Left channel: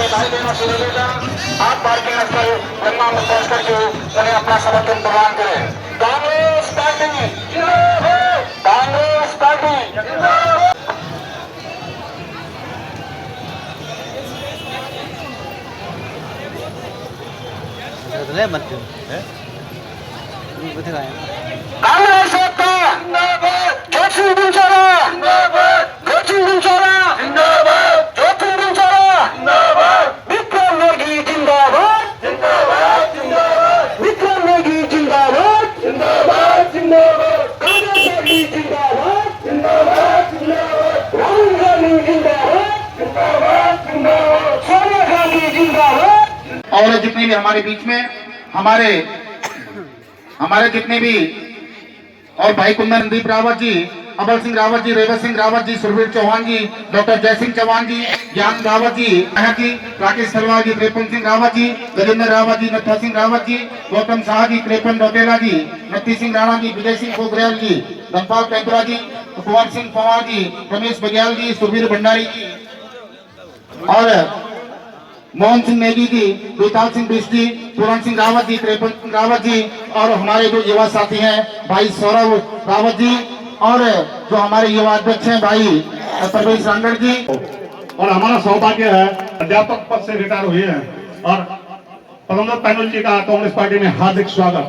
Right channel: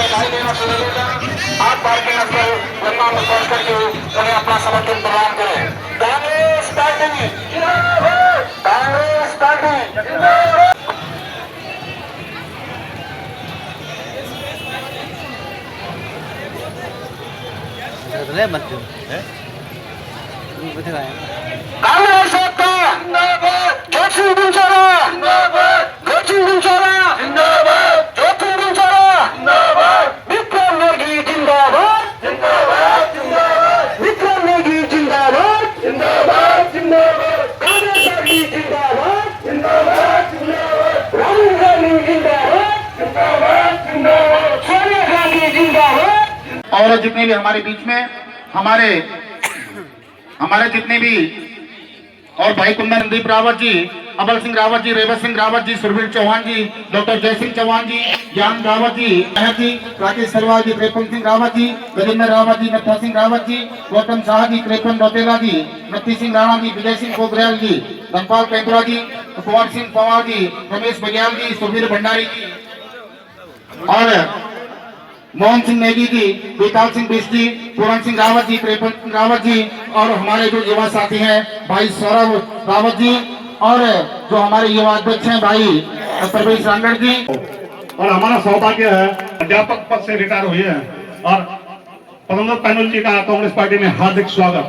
से भाई देना शुरू होगा। आप पार्किंग स्थल गन्ना में पहुंच करके उन्हें अपना समर्थन प्रदान करें। कांग्रेस पार्टी कांग्रेस पार्टी कांग्रेस का ज्योति गुलजारा ज्योति गुलजारा ज्योति गुलजारा विक्रम नेगी जिंदाबाद विक्रम नेगी जिंदाबाद कांग्रेस पार्टी जिंदाबाद राहुल गांधी जिंदाबाद सोनिया गांधी जिंदाबाद। और जितने भी हमारे बीच में हमारे जितने भी और भाई कुंदन दीप रावत जी, अमर सिंह रावत जी, रेवत सिंह रावत जी, सुरवीर चौहान जी, डॉक्टर जयसिंह चौहान जी, ज्ञान रावत जी, महती राकेश सरवार जी, कृपन सिंह रावत जी, गजेंद्र रावत जी, नत्था सिंह रावत जी, गौतम शाह जी, कृपन बटेला जी, नत्ती सिंह राणा जी, विजय सिंह गोगरेल जी, धनपाल कैंतरा जी, कुंवर सिंह पवार जी, रमेश बघेल जी, सुबीर भंडारी जी और मोहन सिंह नेगी जी, बेताल सिंह बिष्ट जी, पूरन सिंह रावत जी, कृपन सिंह रावत जी और हमारे जो युवा साथी हैं भाई सौरभ रावत जी और जो हमारे युवा अध्यक्ष हैं भाई परवेश रांगड़ जी। और हमारा सौभाग्य है अध्यापक पद से रिटायर हुए हैं और प्रबंधक पैनल जी का कांग्रेस पार्टी में हार्दिक स्वागत।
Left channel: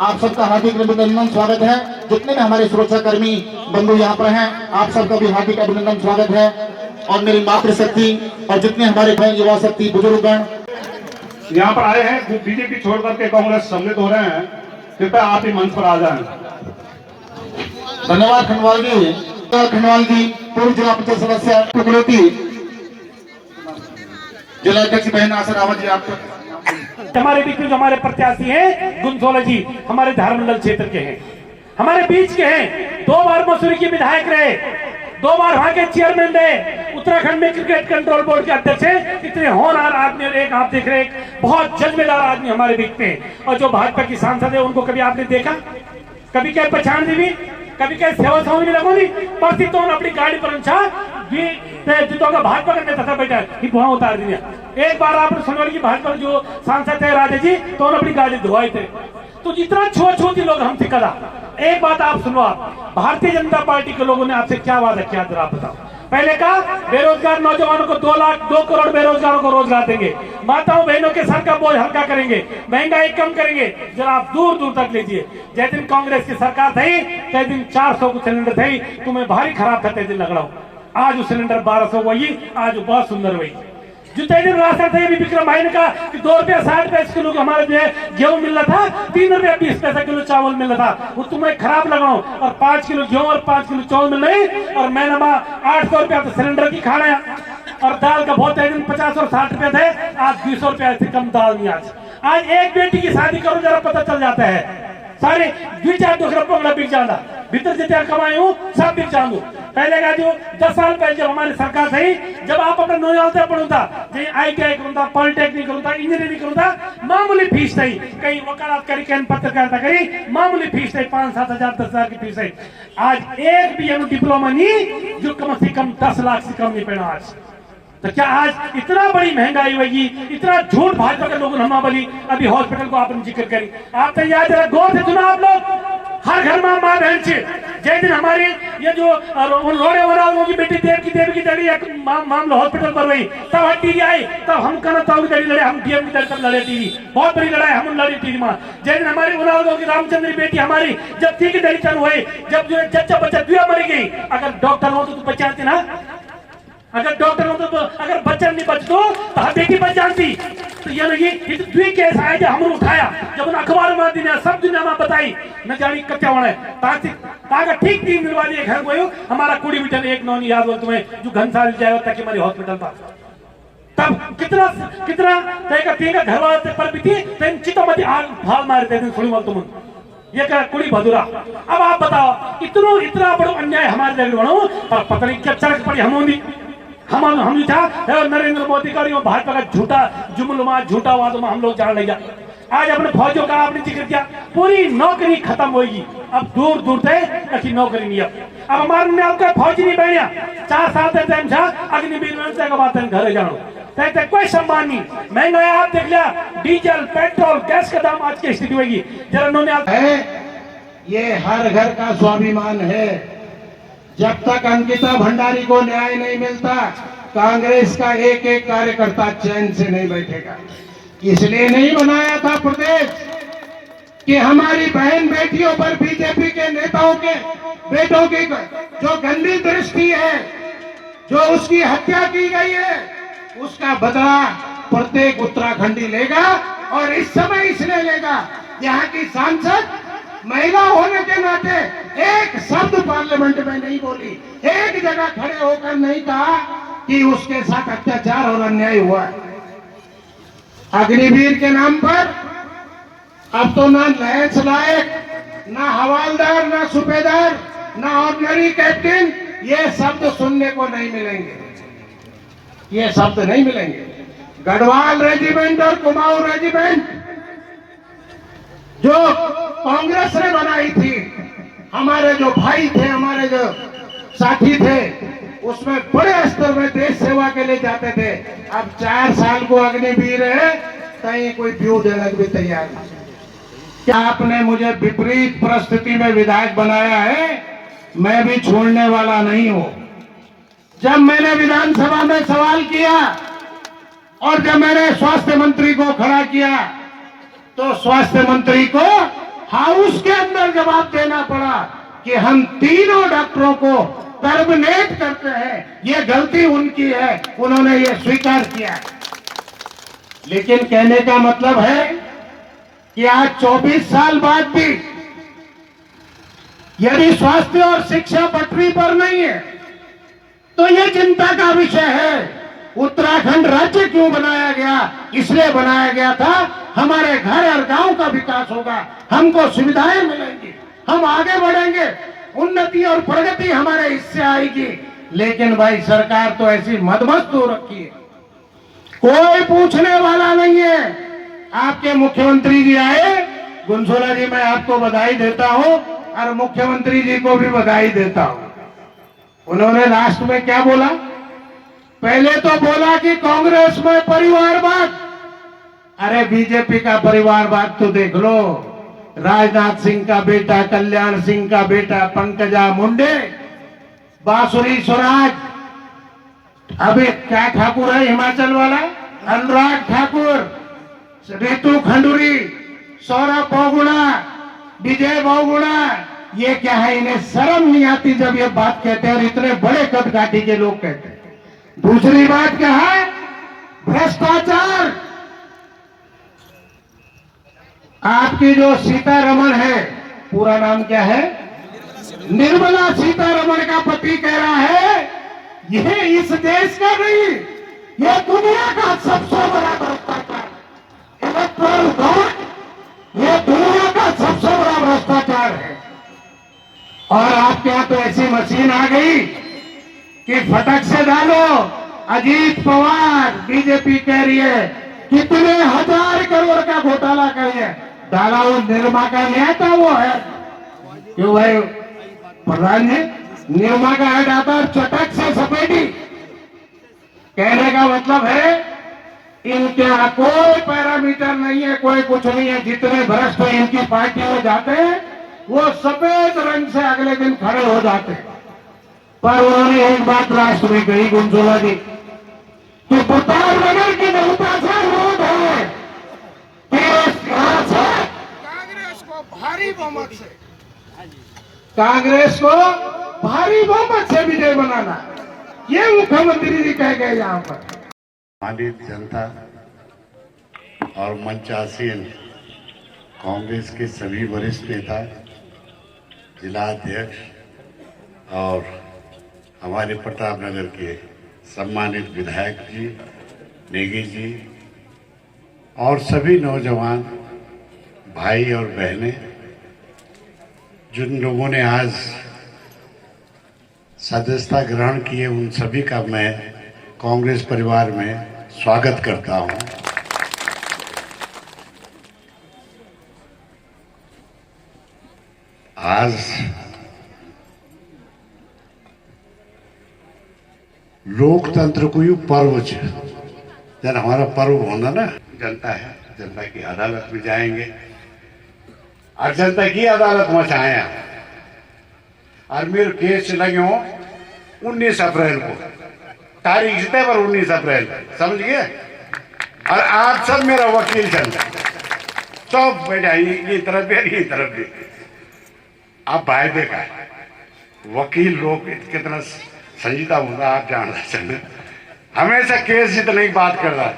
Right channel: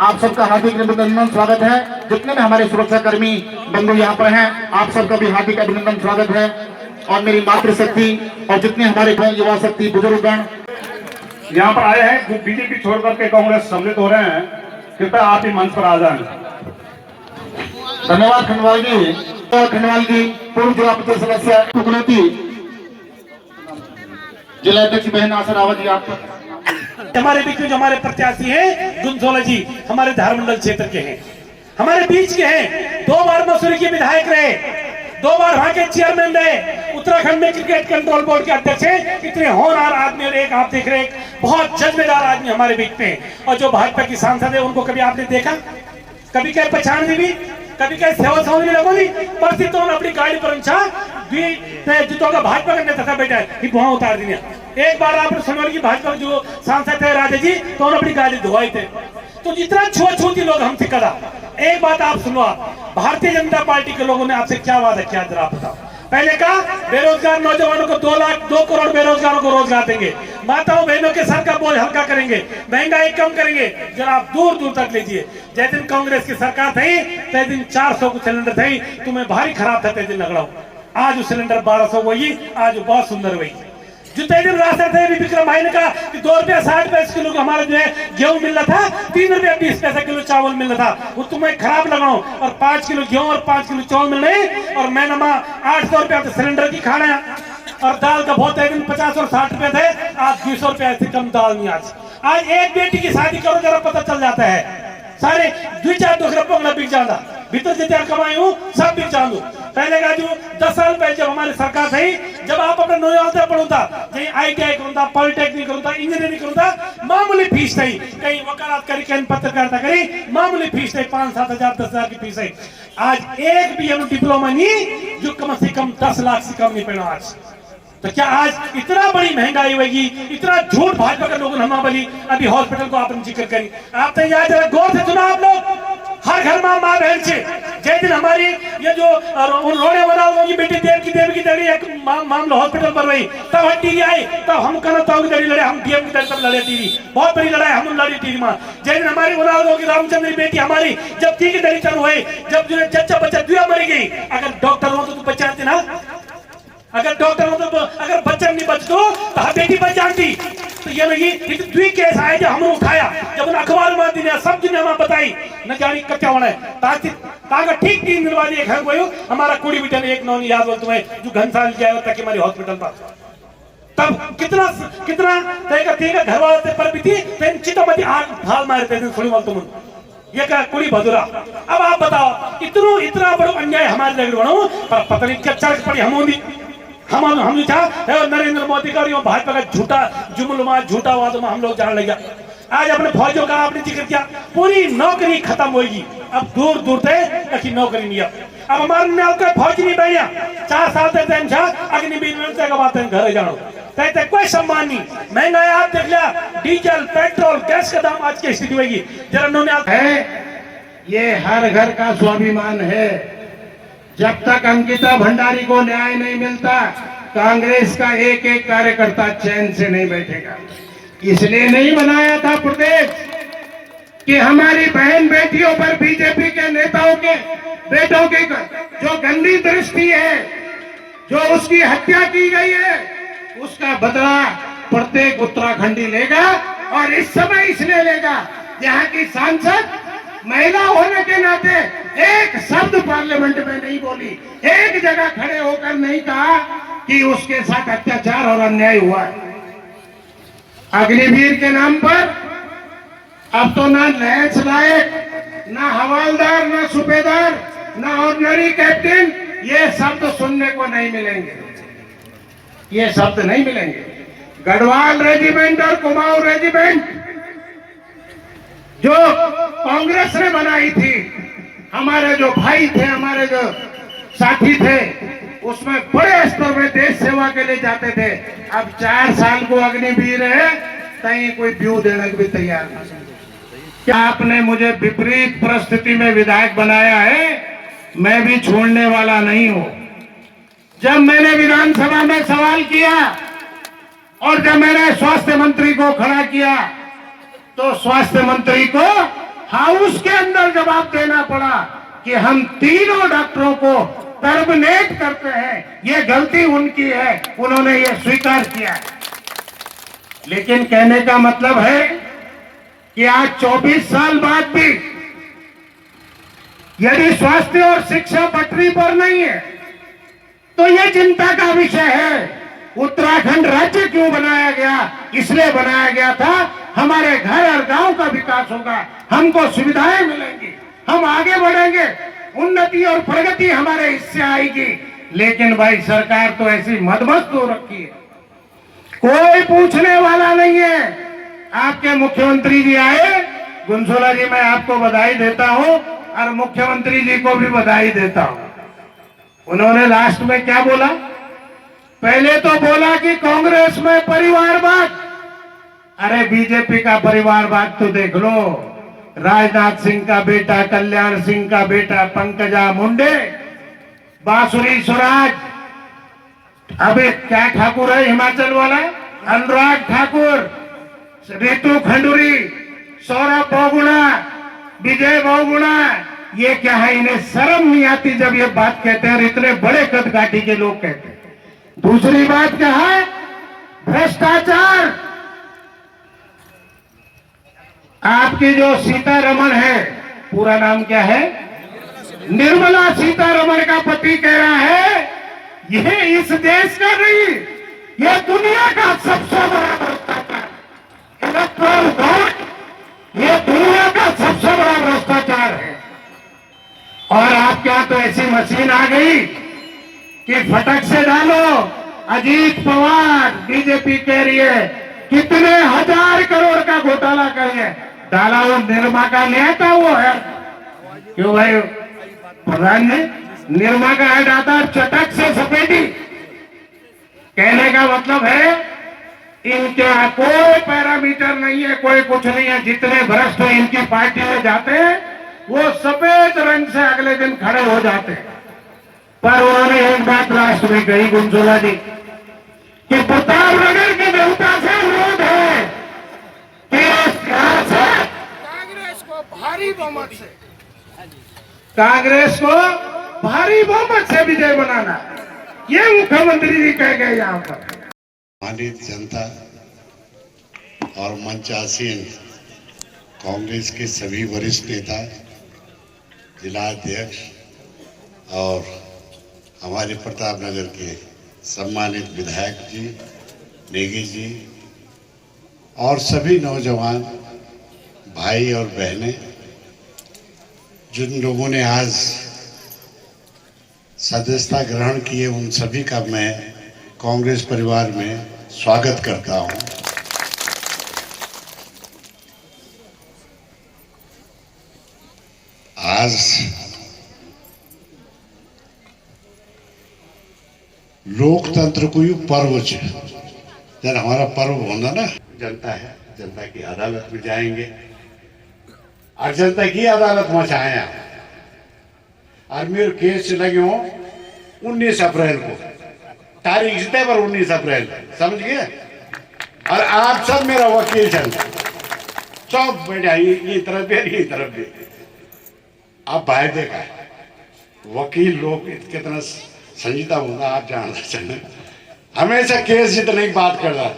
आप सबका हार्दिक अभिनंदन स्वागत है। जितने भी हमारे सुरक्षा कर्मी बंधु यहाँ पर हैं आप सबका भी हार्दिक अभिनंदन स्वागत है। और मेरी मातृशक्ति और जितने हमारे युवा शक्ति बुजुर्गगण यहाँ पर आए हैं बीजेपी छोड़ करके कांग्रेस सम्मिलित हो रहे हैं, कृपया आप ही मंच पर आ जाएं। धन्यवाद खंडवाल जी पूर्व जिला परिषद सदस्य टुकलेटी जिला अध्यक्ष बहन आशा रावत जी। आप हमारे बीच में जो हमारे प्रत्याशी हैं गुंजोला जी हमारे धारमंडल क्षेत्र के हैं, हमारे बीच के हैं, 2 बार मसूरी के विधायक रहे, 2 बार वहां के चेयरमैन रहे, उत्तराखंड में क्रिकेट कंट्रोल बोर्ड के अध्यक्ष हैं। इतने होनहार आदमी एक आप देख रहे हैं, बहुत जज्बेदार आदमी हमारे बीच में। और जो भाजपा की सांसद है उनको कभी आपने देखा, कभी क्या पहचान दी भी, कभी क्या सेवा सौनी लगोगी परसी तो अपनी गाड़ी पर जूतों का भाजपा का नेता था बेटा वहां उतार दिया। एक बार आपने सुना कि भाजपा जो सांसद थे राजा जी तो उन्होंने अपनी गाड़ी धुआई थे। तो इतना छुआछूती लोग हमसे करा। एक बात आप सुनो, आप भारतीय जनता पार्टी के लोगों ने आपसे क्या वादा किया जरा आप बताओ। पहले कहा बेरोजगार नौजवानों को 2 करोड़ बेरोजगारों को रोजगार देंगे, माताओं बहनों के सर का बोझ हल्का करेंगे, महंगाई कम करेंगे। जरा आप दूर दूर तक लीजिए। जिस दिन कांग्रेस की सरकार थी तय दिन 400 को सिलेंडर थी, तुम्हें भारी खराब था तय दिन लग रहा हूं। आज वो सिलेंडर 1200 वही, आज बहुत सुंदर वही। जो तय दिन रास्ता थे विक्रम भाई ने कहा कि 2 रुपया 60 पैसे किलो हमारे जो है गेहूं मिल रहा था, 3 रुपया 20 पैसा किलो चावल मिल रहा था, वो तुम्हें खराब लग रहा हूं। और 5 किलो गेहूं और 5 किलो चावल मिल रहे और मैंने 800 रुपया तो सिलेंडर की खाना है। और दाल का बहुत तय दिन 50 और 60 रुपए थे, आज 200 रुपया से कम दाल नहीं। आज एक बेटी की शादी करो जरा पता चल जाता है, सारे 2-4 दूसरा पंगड़ा बिक जाता, भीतर जितना कमाई हूँ सब बिक जाऊँ। पहले का जो 10 साल पहले जब हमारी सरकार थी, जब आप अपना नौजवान पढ़ूंगा ITI करूंगा, पॉलिटेक्निक करूंगा, इंजीनियरिंग करूंगा, मामूली फीस थी, कहीं वकालत करी, कहीं पत्रकारिता करी, मामूली फीस थी, 5-7 हजार 10 हजार की फीस है। आज एक भी डिप्लोमा नहीं जो कम से कम 10 लाख से कम नहीं पड़ा आज। तो क्या आज इतना बड़ी महंगाई होगी, इतना झूठ भाजपा के लोगों ने हम बोली। अभी हॉस्पिटल को आपने जिक्र करी, आप तो याद जरा गौर से सुना आप लोग, हर घर में मां बहन से जिस दिन हमारी ये जो रोने वाला होगी बेटी देव की दड़ी मामला हॉस्पिटल पर रही, तब टीवी आई, तब हम कहना ताऊ की दड़ी लड़े, हम डीएम की दड़ी तब लड़े टीवी, बहुत बड़ी लड़ाई हम लड़ी टीवी में। जिस दिन हमारी औलाद होगी रामचंद्र की बेटी हमारी जब टी की दड़ी चालू हुई, जब जो चच्चा बच्चा दुआ मर गई, अगर डॉक्टर हो तो तू बचाती ना, अगर डॉक्टर हो तो अगर बच्चा नहीं बचतो तो बेटी बच जाती। तो ये लोग 2 केस आए जो हमने उठाया, जब अखबार में दिन सब दुनिया में बताई न जानी कच्चा बना ताकि ठीक 3 दिन बाद एक है वो हमारा कुड़ी बिटन एक नौन याद हो तुम्हें जो घनसाल जाए तक हमारी हॉस्पिटल पर, तब कितना घर वाले पर भी थी चितमती हाल मारते थे थोड़ी तुम ये क्या कुड़ी भदुरा। अब आप बताओ इतना बड़ा अन्याय हमारे जगह बनो पर पता नहीं क्या चरक पड़ी हम था नरेंद्र मोदी का भाजपा का झूठा जुमलमा झूठा वाद में हम लोग जान लगे। आज अपने फौजों का आपने जिक्र किया, पूरी नौकरी खत्म होगी, अब दूर दूर तक नौकरी नहीं है। अब हमारे न्याल कोई फौजी नहीं बढ़िया 4 साल तक छा अग्निवीर में के बाद घरे जानो कहते कोई सम्मान नहीं महंगाई आप देख लिया डीजल पेट्रोल गैस का दाम आज की स्थिति होगी जरा उन्होंने है ये हर घर का स्वाभिमान है। जब तक अंकिता भंडारी को न्याय नहीं मिलता कांग्रेस का एक एक कार्यकर्ता चैन से नहीं बैठेगा। इसलिए नहीं बनाया था प्रदेश कि हमारी बहन बेटियों पर बीजेपी के नेताओं के बेटों की जो गंदी दृष्टि है, जो उसकी हत्या की गई है, उसका बदला प्रत्येक उत्तराखंडी लेगा। और इस समय इसलिए लेगा यहाँ की सांसद महिला होने के नाते एक शब्द पार्लियामेंट में नहीं बोली, एक जगह खड़े होकर नहीं कहा कि उसके साथ अत्याचार और अन्याय हुआ है। अग्निवीर के नाम पर अब तो ना लैंस लायक, ना हवालदार, ना सूबेदार, ना ऑर्डिनरी कैप्टन, ये शब्द सुनने को नहीं मिलेंगे, ये शब्द नहीं मिलेंगे। गढ़वाल रेजिमेंट और कुमाऊं रेजिमेंट जो कांग्रेस ने बनाई थी, हमारे जो भाई थे, हमारे जो साथी थे, उसमें बड़े स्तर में देश सेवा के लिए जाते थे। अब 4 साल को अग्निवीर है, कहीं कोई व्यू देने को भी तैयार नहीं। क्या आपने मुझे विपरीत परिस्थिति में विधायक बनाया है, मैं भी छोड़ने वाला नहीं हूं। जब मैंने विधानसभा में सवाल किया और जब मैंने स्वास्थ्य मंत्री को खड़ा किया तो स्वास्थ्य मंत्री को हाउस के अंदर जवाब देना पड़ा कि हम तीनों डॉक्टरों को टर्मिनेट करते हैं, ये गलती उनकी है, उन्होंने ये स्वीकार किया। लेकिन कहने का मतलब है कि आज 24 साल बाद भी यदि स्वास्थ्य और शिक्षा पटरी पर नहीं है तो ये चिंता का विषय है। उत्तराखंड राज्य क्यों बनाया गया? इसलिए बनाया गया था हमारे घर और गांव का विकास होगा, हमको सुविधाएं मिलेंगी, हम आगे बढ़ेंगे, उन्नति और प्रगति हमारे इससे आएगी। लेकिन भाई सरकार तो ऐसी मदमस्त हो रखी है, कोई पूछने वाला नहीं है। आपके मुख्यमंत्री जी आए, गुंसोला जी मैं आपको बधाई देता हूं और मुख्यमंत्री जी को भी बधाई देता हूं। उन्होंने लास्ट में क्या बोला? पहले तो बोला कि कांग्रेस में परिवारवाद, अरे बीजेपी का परिवारवाद तो देख लो। राजनाथ सिंह का बेटा, कल्याण सिंह का बेटा पंकजा मुंडे, बांसुरी स्वराज, अभी क्या ठाकुर है हिमाचल वाला, अनुराग ठाकुर, रितु खंडूरी, सौरभ बहुगुणा, विजय बहुगुणा, ये क्या है? इन्हें शर्म नहीं आती जब ये बात कहते हैं और इतने बड़े कदकाठी के लोग कहते हैं। दूसरी बात क्या है? भ्रष्टाचार। आपकी जो सीतारमण है, पूरा नाम क्या है? निर्मला सीतारमण का पति कह रहा है यह इस देश का नहीं, यह दुनिया का सबसे बड़ा भ्रष्टाचार, इलेक्ट्रल वोट, यह दुनिया का सबसे बड़ा भ्रष्टाचार है। और आपके यहां तो ऐसी मशीन आ गई कि फटक से डालो। अजीत पवार, बीजेपी कह रही है कितने 1000 करोड़ का घोटाला करिए, डाला वो निर्मा का नहीं आता, वो है क्यों भाई प्रधान जी? निर्मा का ऐड आता है, चटक से सफेदी। कहने का मतलब है इनके कोई पैरामीटर नहीं है, कोई कुछ नहीं है। जितने भ्रष्ट इनकी पार्टी में जाते हैं वो सफेद रंग से अगले दिन खड़े हो जाते हैं। पर उन्होंने एक बात लास्ट में कही गुंसोला जी कि प्रतापनगर की जनता से अनुरोध है कि कांग्रेस को भारी बहुमत से, कांग्रेस को भारी बहुमत से विजय बनाना, ये मुख्यमंत्री जी कह गए यहाँ पर। सम्मानित जनता और मंचासीन कांग्रेस के सभी वरिष्ठ नेता, जिला अध्यक्ष और हमारे प्रतापनगर के सम्मानित विधायक जी, नेगी जी और सभी नौजवान भाई और बहनें, जिन लोगों ने आज सदस्यता ग्रहण की है, उन सभी का मैं कांग्रेस परिवार में स्वागत करता हूं। आज लोकतंत्र को यू पर्व छ जब हमारा पर्व होना ना, जनता है, जनता की अदालत में जाएंगे और जनता की अदालत में आया और मेरे केस लगे 19 अप्रैल को, तारीख जीते पर 19 अप्रैल, समझ गए। और आप सब मेरा वकील चलता, सब बैठा, ये तरफ भी ये तरफ भी। आप भाई देखा वकील लोग कितना संजीदा होता आप जानते चले, हमेशा केस जितने ही बात कर रहा।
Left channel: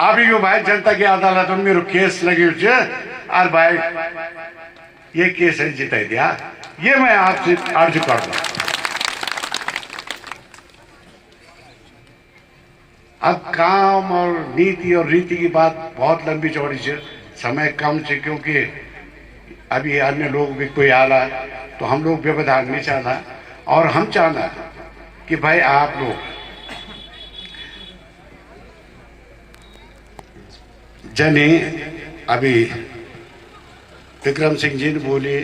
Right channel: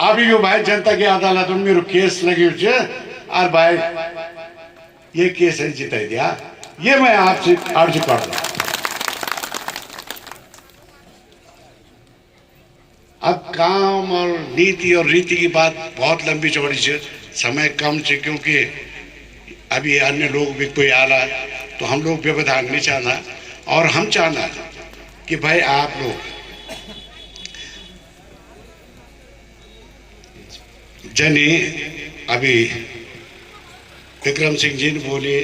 आप यो भाई जनता की अदालत में मेरे केस लगे और भाई ये केस है जिता दिया, ये मैं आपसे अर्ज कर रहा। अब काम और नीति और रीति की बात बहुत लंबी चौड़ी है, समय कम है, क्योंकि अभी अन्य लोग भी कोई आ रहा है, तो हम लोग व्यवधान नहीं चाहना। और हम चाहना कि भाई आप लोग जने अभी विक्रम सिंह जी ने बोले,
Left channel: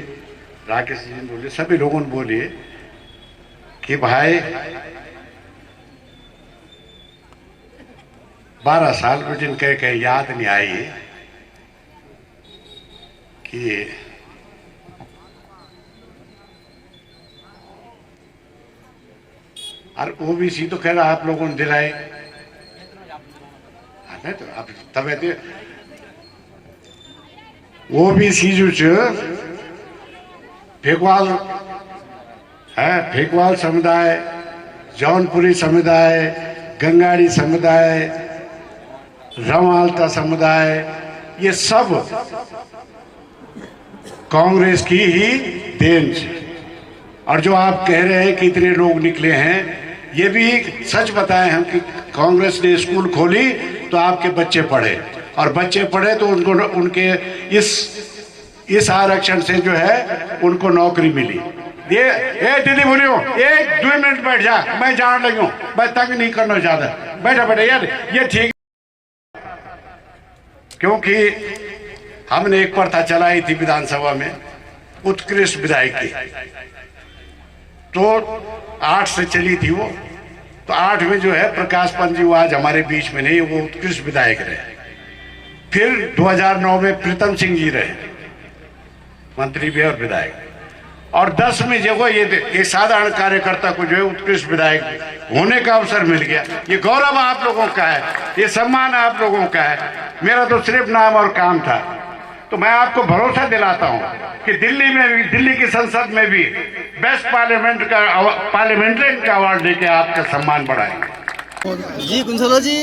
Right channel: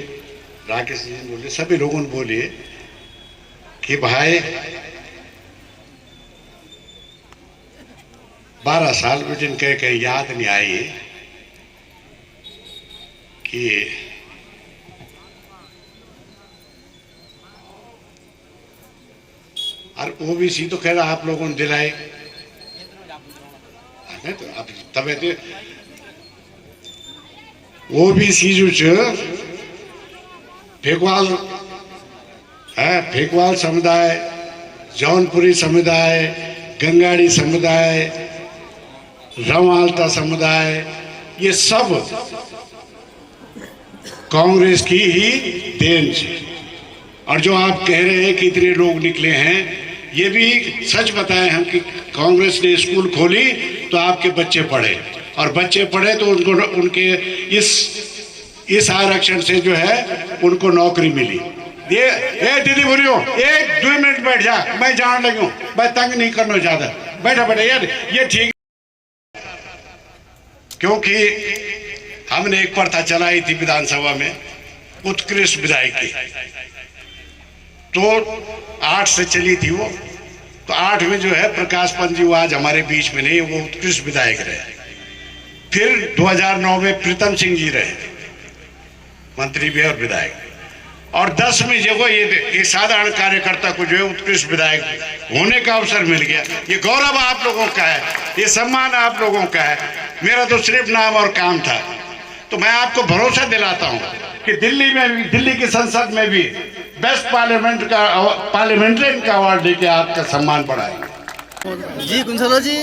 राकेश जी ने बोले, सभी लोगों ने बोले कि भाई 12 साल में जिनके कहीं याद नहीं आई कि और ओबीसी तो खैर आप लोगों ने दिलाए, तो अब तब ओबीसी जो फेकवाल है, फेकवाल समुदाय, जौनपुरी समुदाय, गंगाड़ी समुदाय, रमालता समुदाय, ये सब कांग्रेस की ही देन है। और जो आप कह रहे हैं कि इतने लोग निकले हैं, ये भी सच बताएं हम कि कांग्रेस ने स्कूल खोली तो आपके बच्चे पढ़े, और बच्चे पढ़े तो उनको उनके इस आरक्षण से जो है उनको नौकरी मिली। ये दीदी बोलियो, 1-2 मिनट बैठ जा, मैं जान लगी हूँ, मैं तंग नहीं करना ज्यादा, बैठा बैठा यार, ये ठीक। क्योंकि हमने एक प्रथा चलाई थी विधानसभा में, उत्कृष्ट विधायक की, तो 8 से चली थी वो, तो 8 में जो है प्रकाश पंत जी वो आज हमारे बीच में नहीं, वो उत्कृष्ट विधायक रहे। फिर 2009 में प्रीतम सिंह जी रहे मंत्री भी और विधायक, और 10 में जो ये एक साधारण कार्यकर्ता को जो है उत्कृष्ट विधायक होने का अवसर मिल गया। ये गौरव आप लोगों का है, ये सम्मान आप लोगों का है, मेरा तो सिर्फ नाम और काम था। तो मैं आपको भरोसा दिलाता हूं कि दिल्ली में भी, दिल्ली की संसद में भी बेस्ट पार्लियामेंट्रियन का अवार्ड देके आपका सम्मान बढ़ाएंगे। जी गुंसलो जी,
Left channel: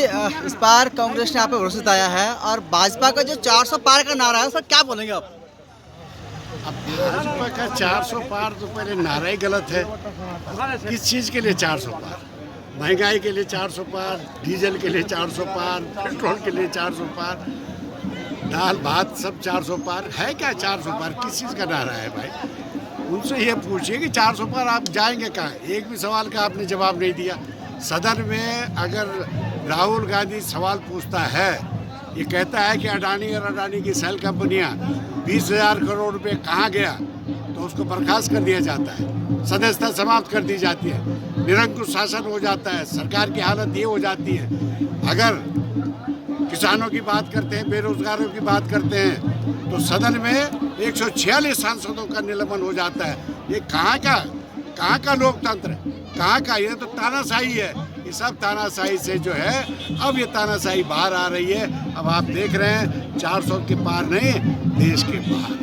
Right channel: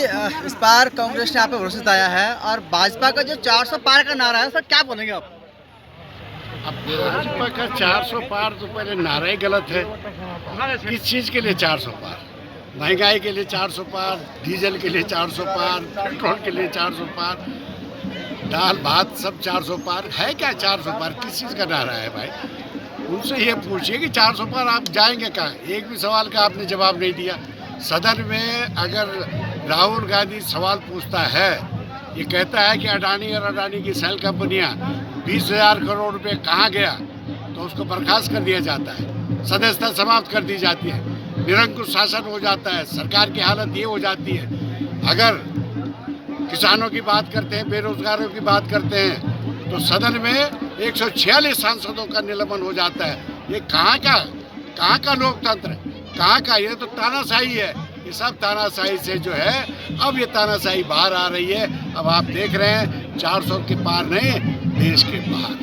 इस बार कांग्रेस ने आप पे भरोसा जताया है, और भाजपा का जो 400 पार का नारा है सर, क्या बोलेंगे आप? अब भाजपा का 400 पार तो पहले नारा ही गलत है। किस चीज के लिए 400 पार? महंगाई के लिए 400 पार, डीजल के लिए 400 पार, पेट्रोल के लिए 400 पार, दाल भात सब 400 पार है क्या? 400 पार किस चीज का नारा है भाई? उनसे ये पूछिए कि 400 पार आप जाएंगे कहाँ? एक भी सवाल का आपने जवाब नहीं दिया। सदन में अगर राहुल गांधी सवाल पूछता है, ये कहता है कि अडानी और अडानी की सेल कंपनियां 20,000 करोड़ रुपए कहाँ गया, तो उसको बर्खास्त कर दिया जाता है, सदस्यता समाप्त कर दी जाती है, निरंकुश शासन हो जाता है, सरकार की हालत ये हो जाती है। अगर किसानों की बात करते हैं, बेरोजगारों की बात करते हैं, तो सदन में 146 सांसदों का निलंबन हो जाता है। ये कहाँ का लोकतंत्र है? कहाँ का? ये तो तानाशाही है। ये सब तानाशाही से जो है, अब ये तानाशाही बाहर आ रही है। अब आप देख रहे हैं 400 के पार नहीं, देश के बाहर।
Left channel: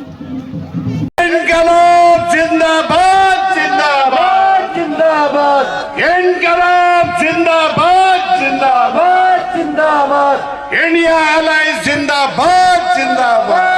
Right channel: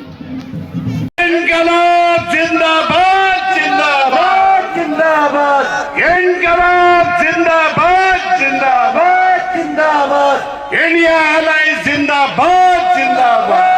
इनकलाब जिंदाबाद, जिंदाबाद, जिंदाबाद, इनकलाब जिंदाबाद, जिंदाबाद, जिंदाबाद, इंडिया अलायंस जिंदाबाद, जिंदाबाद।